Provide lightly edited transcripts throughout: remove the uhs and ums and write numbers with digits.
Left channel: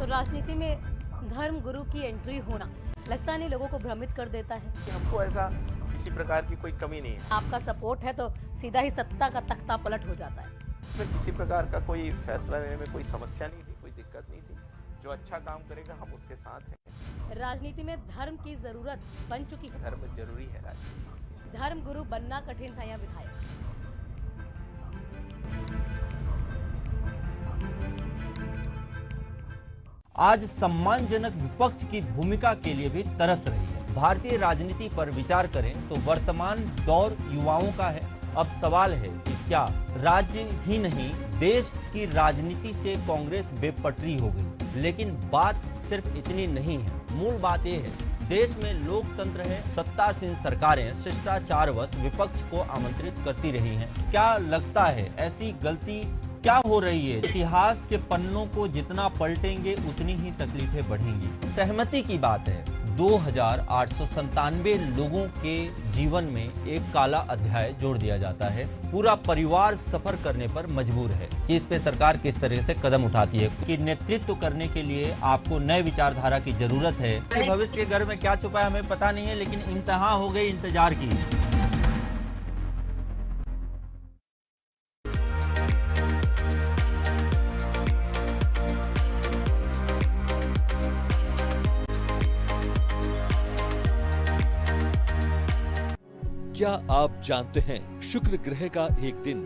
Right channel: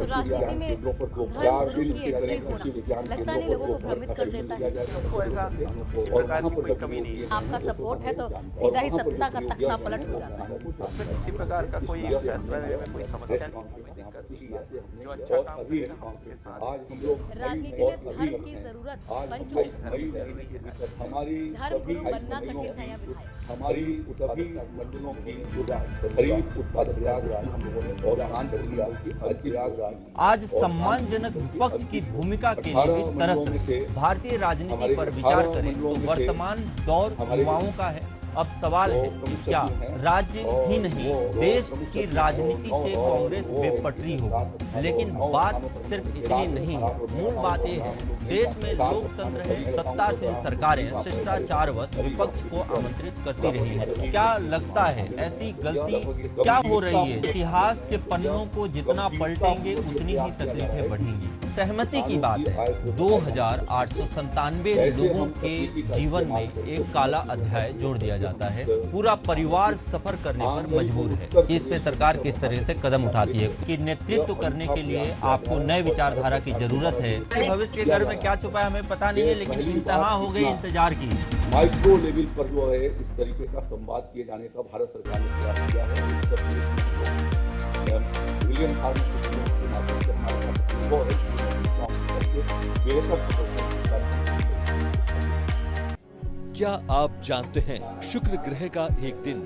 तो राजनीति में धर्म गुरु की एंट्री होना लगता नहीं लोगों को भ्रमित कर देता है। हमको ऐसा किसी प्रकार की कोई कमी नहीं है। आपका सपोर्ट है तो सीधा ही सत्ता का तख्ता पलट हो जाता है। फिर किसी प्रकार का कोई फैसला लेने में कोई समस्या नहीं, कोई दिक्कत नहीं है। जो अच्छा काम करेगा हम उसके साथ हैं। राजनीति में धर्म की जरूरत बन चुकी है। धर्म जरूरी है। धर्म गुरु बनना कठिन था या विधायक? आज सम्मानजनक विपक्ष की भूमिका के लिए भी तरस रहे। भारतीय राजनीति पर विचार करें तो वर्तमान दौर युवाओं का है। अब सवाल है कि क्या राज्य ही नहीं देश की राजनीति से कांग्रेस बेपटरी होगी। लेकिन बात सिर्फ इतनी नहीं है। मूल बात यह है देश में लोकतंत्र है, सत्तासीन सरकारें शिष्टाचारवश विपक्ष को आमंत्रित करती रही हैं। क्या लगता है ऐसी गलती क्या हो रही है? इतिहास के पन्नों को जितना पलटेंगे उतनी ही तकलीफें बढ़ेंगी। सहमति की बात है 2897 लोगों के जीवन में एक काला अध्याय जोड़ दिया जाता है। पूरा परिवार सफर करने पर मजबूर है कि इस पे सरकार किस तरह से कदम उठाती है कि नेतृत्व करने के लिए आपको नए विचारधारा की जरूरत है। भविष्य के घर में क्या छुपा है हमें पता नहीं है, लेकिन इंतहा हो गई इंतजार की। माइक्रो लेवल पर जो है इस तरीके का संवाद किए जाने का भारत सरकार ने क्या आप जानते हैं शुक्र ग्रह का एक दिन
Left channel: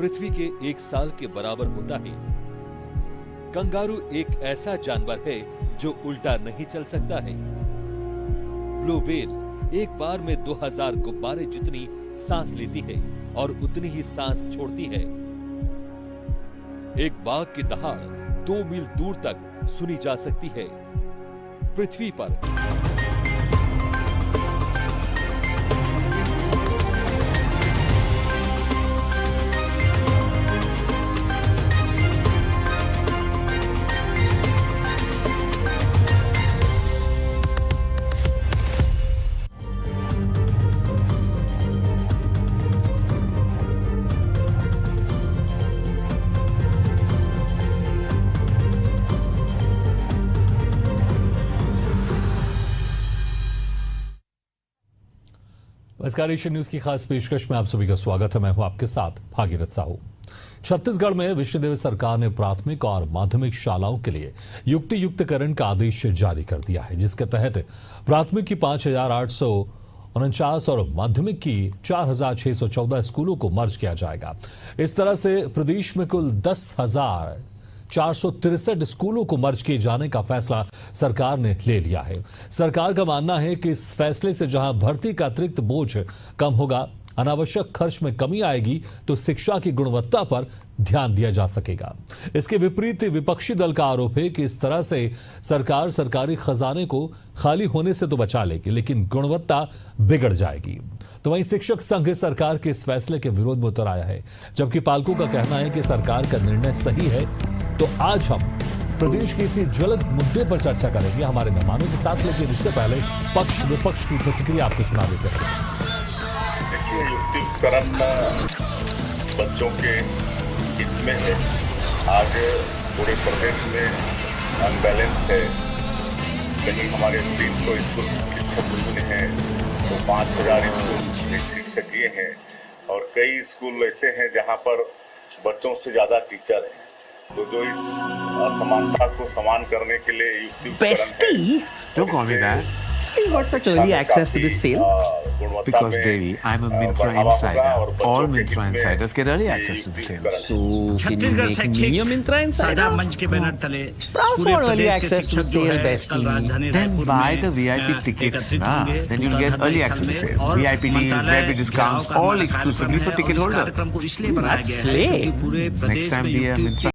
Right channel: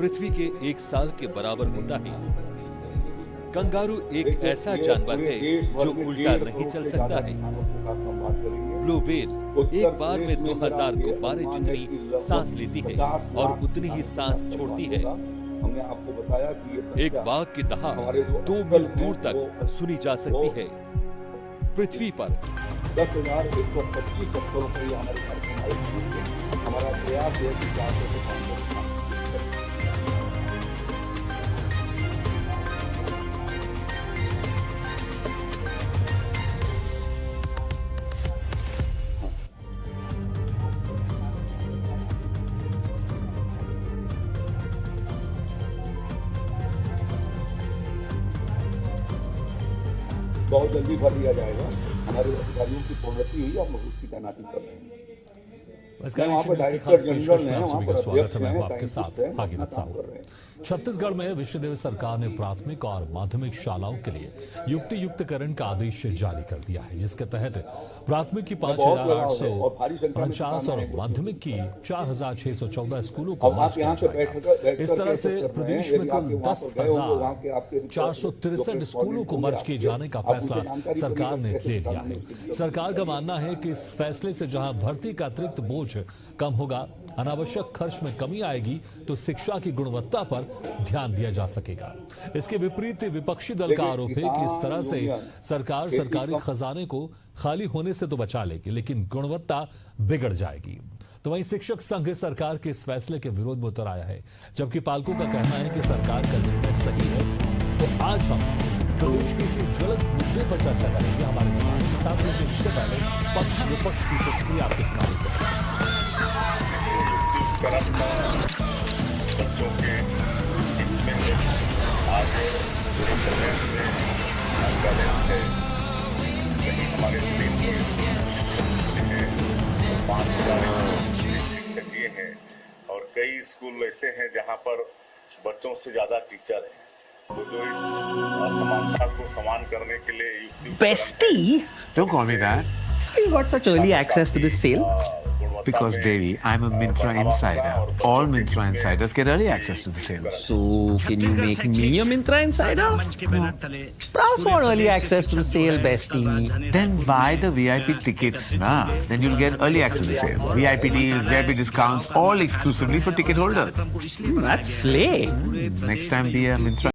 पृथ्वी के 1 साल के बराबर होता है। कंगारू एक ऐसा जानवर है जो उल्टा नहीं चल सकता है। ब्लू व्हेल एक बार में 2000 गुब्बारे जितनी सांस लेती है और उतनी ही सांस छोड़ती है। एक बाघ की दहाड़ 2 मील दूर तक सुनी जा सकती है। पृथ्वी पर 10,125 बहुत जल्दी भर दिया जाएगा। हमारे अधिकारियों की प्रोन्नति हुई, हम उसकी तैनाती कर रहे हैं। स्वागत है। मैं हूं आपके साथ भागीरथ साहू। छत्तीसगढ़ में विश्वविद्यालय सरकार ने प्राथमिक और माध्यमिक शालाओं के लिए युक्तिकरण का आदेश जारी कर दिया है, जिसके तहत प्राथमिक की 5,849 और माध्यमिक की 4,614 स्कूलों को मर्ज किया जाएगा। इस तरह से प्रदेश में कुल 10,463 स्कूलों को मर्ज किए जाने का फैसला सरकार ने ले लिया है। सरकार का मानना है कि इस फैसले से जहां भर्ती का अतिरिक्त बोझ कम होगा, अनावश्यक खर्च में कमी आएगी, तो शिक्षा की गुणवत्ता पर ध्यान दिया जा सकेगा। इसके विपरीत विपक्षी दल का आरोप है कि इस तरह से सरकार सरकारी खजाने को खाली होने से तो बचा लेगी, लेकिन गुणवत्ता बिगड़ जाएगी। तो वहीं शिक्षक संघ सरकार के इस फैसले के विरोध में उतर आया है, जबकि पालकों का कहना है कि सरकार का निर्णय सही है। तो आज हम प्रदेश के इस ज्वलंत मुद्दे पर चर्चा करेंगे। हमारे साथ पक्ष विपक्ष की प्रतिक्रिया शिक्षक ये हैं और कई स्कूल ऐसे हैं जहां पर बच्चों से ज्यादा टीचर हैं, तो जो इस असमानता को समान करने के लिए Bestie? Don't call me that. How you got such early access to this sale? Because, Devi, I'm a Myntra insider. All Myntra insiders get early access to the sale. So, can you make me a Myntra insider? No. Browse for early access to the sale, bestie. Then buy the VIP tickets, na. Then you'll get early access to the sale. VIP deals, VIP discounts, all exclusively for ticket holders. That's slay. Next time, be a Myntra.